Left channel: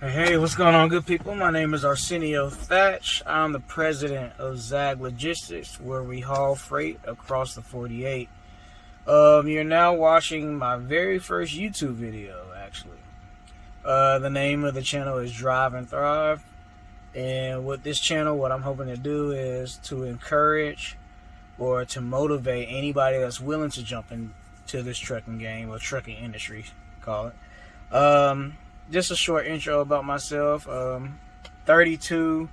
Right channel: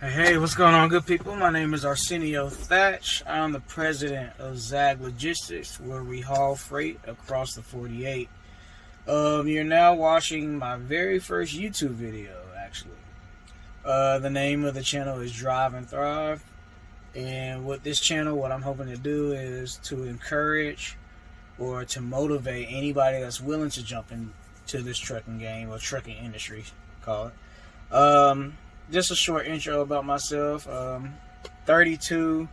Hey, what's going on, good people? My name is Arsenio Thatch. I'm the president of Zag Logistics, where we haul freight across the 48. You're now watching my very first YouTube video, actually. The name of the channel is Drive and Thrive. And with this channel, what I'm hoping to do is to encourage or to motivate anybody that's willing to jump into this trucking game or trucking industry, call it. Just a short intro about myself. 32.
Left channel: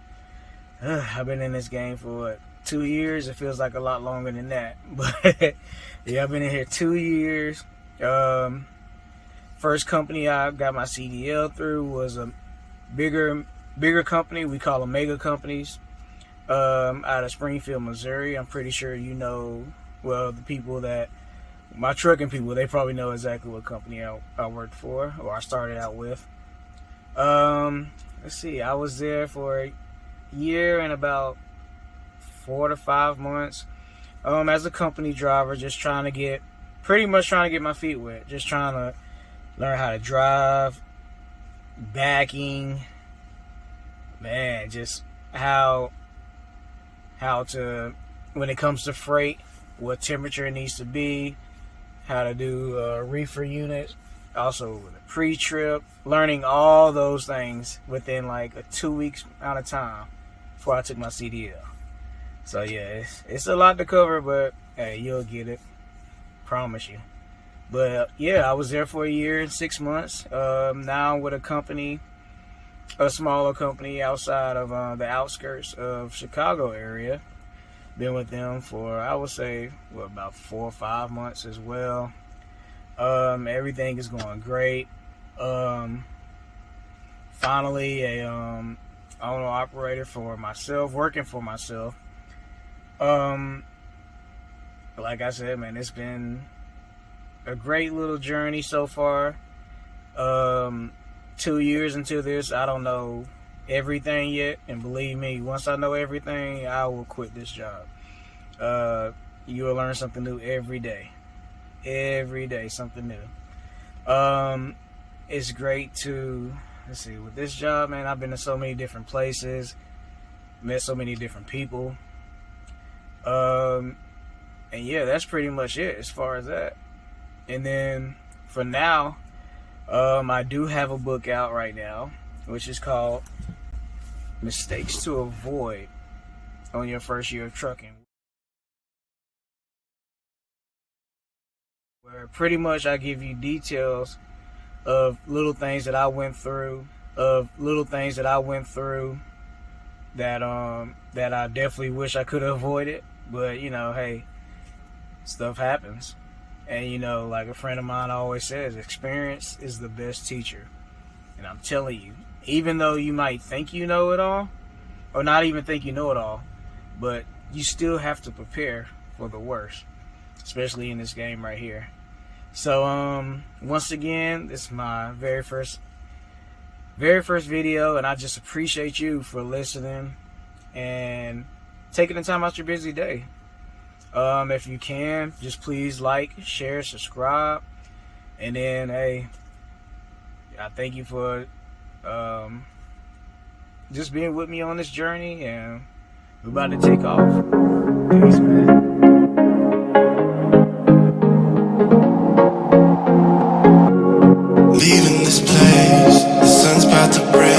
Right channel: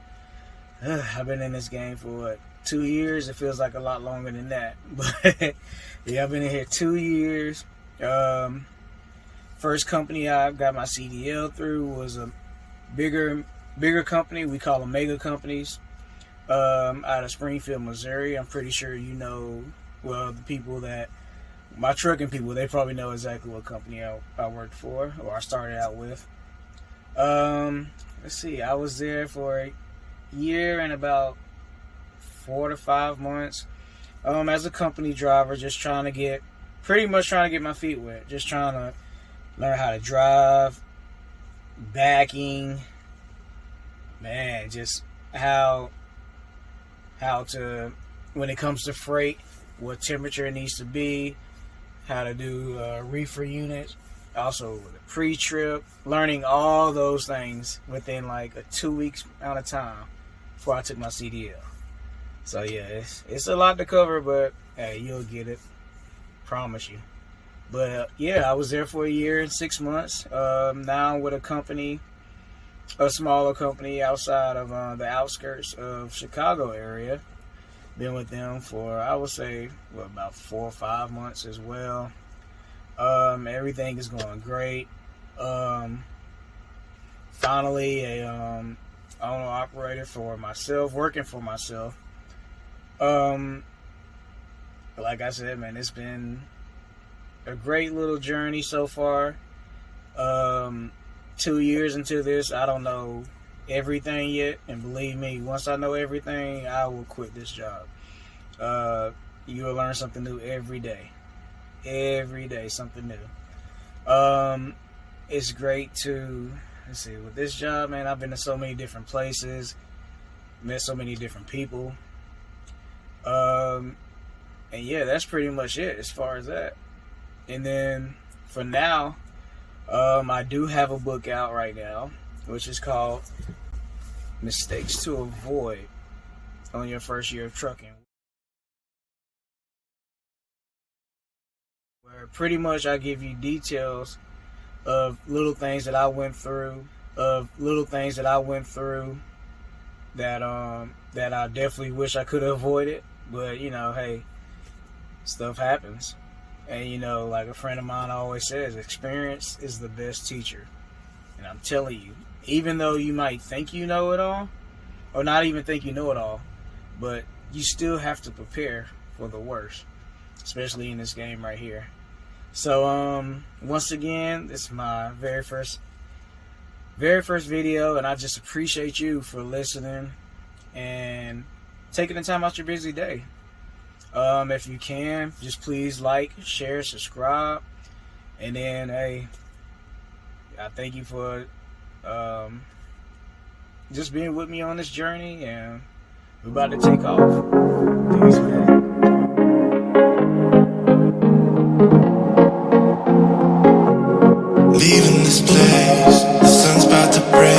I've been in this game for 2 years. It feels like a lot longer than that. But yeah, I've been in here 2 years. First company I got my CDL through was a bigger company. We call them mega companies. Out of Springfield, Missouri. I'm pretty sure you know, well, the people that my trucking people, they probably know exactly what company I worked for, or I started out with. Let's see, I was there for a year and about 4 to 5 months, as a company driver, just trying to get my feet wet, just trying to learn how to drive, backing, man, just how to, when it comes to freight, what temperature it needs to be, how to do reefer units, also with a pre-trip, learning all those things within like a 2 weeks amount of time before I took my CDL. So yeah, it's a lot to cover, but hey, you'll get it, promise you. But yeah, I was there for a year and 6 months. Now I'm with a smaller company outside of the outskirts of Chicago area. Been with them for, I would say, about 4 or 5 months as well. Everything is going great. Finally, a owner operator for myself, working for myself. Like I said, man, it's been a great little journey so far. 2 years into this, I don't know everything yet, and believe me, once I know everything, I will quit this job. You will learn something new every day something new. It's great to, let's see, with this job, man, I've been to so many different places, met so many different people, and yeah, that's pretty much it as far as that. And then for now, I do have a book out right now, which is called Mistakes to Avoid on Your First Year of Trucking, where pretty much I give you details of little things that I went through, that I definitely wish I could have avoided. But you know, hey, stuff happens. And you know, like a friend of mine always says, experience is the best teacher. And I'm telling you, even though you might think you know it all, or not even think you know it all, but you still have to prepare for the worst, especially in this game right here. So once again, this is my very first video, and I just appreciate you for listening and taking the time out your busy day. If you can, just please like, share, subscribe, and then hey, I thank you for just being with me on this journey, and we're about to take off. Peace, man. Leaving this place, the sun's about to break.